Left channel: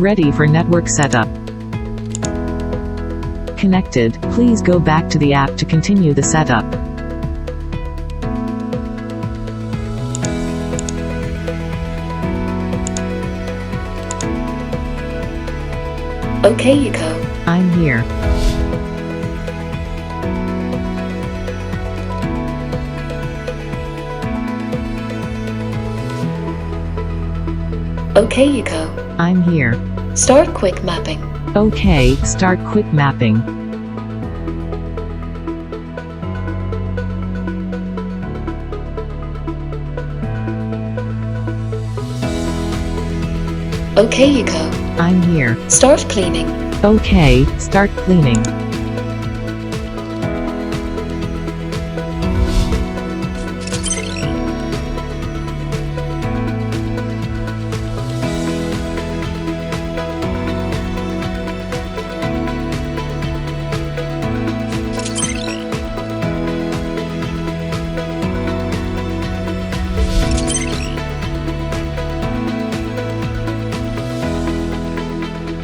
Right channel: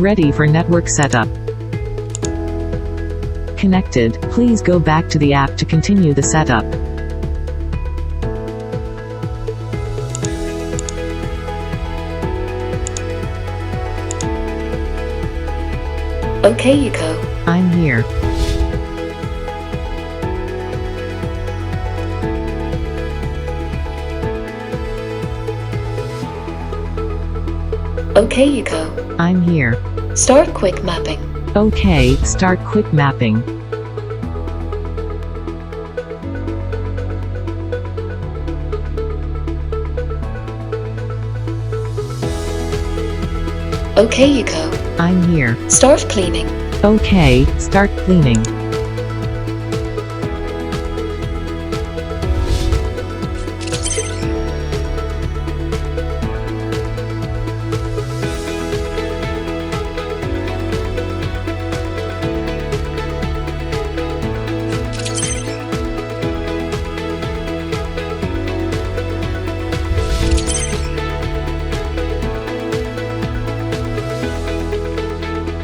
Ready for network setup. Connected. Please go back to the app to continue the setup. Okay, Eco. I'm here. Okay, Eco. I'm here. Start quick mapping. Okay, start quick mapping. Okay, Eco. I'm here. Start cleaning. Okay, start cleaning.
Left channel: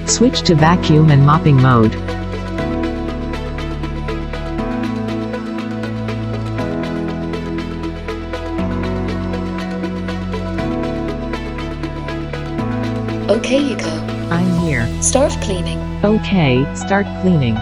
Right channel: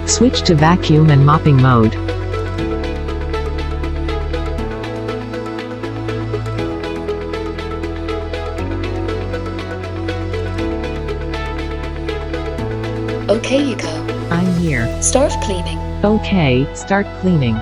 Switch to vacuum and mopping mode. Okay, Eco. I'm here. Start cleaning. Okay, start cleaning.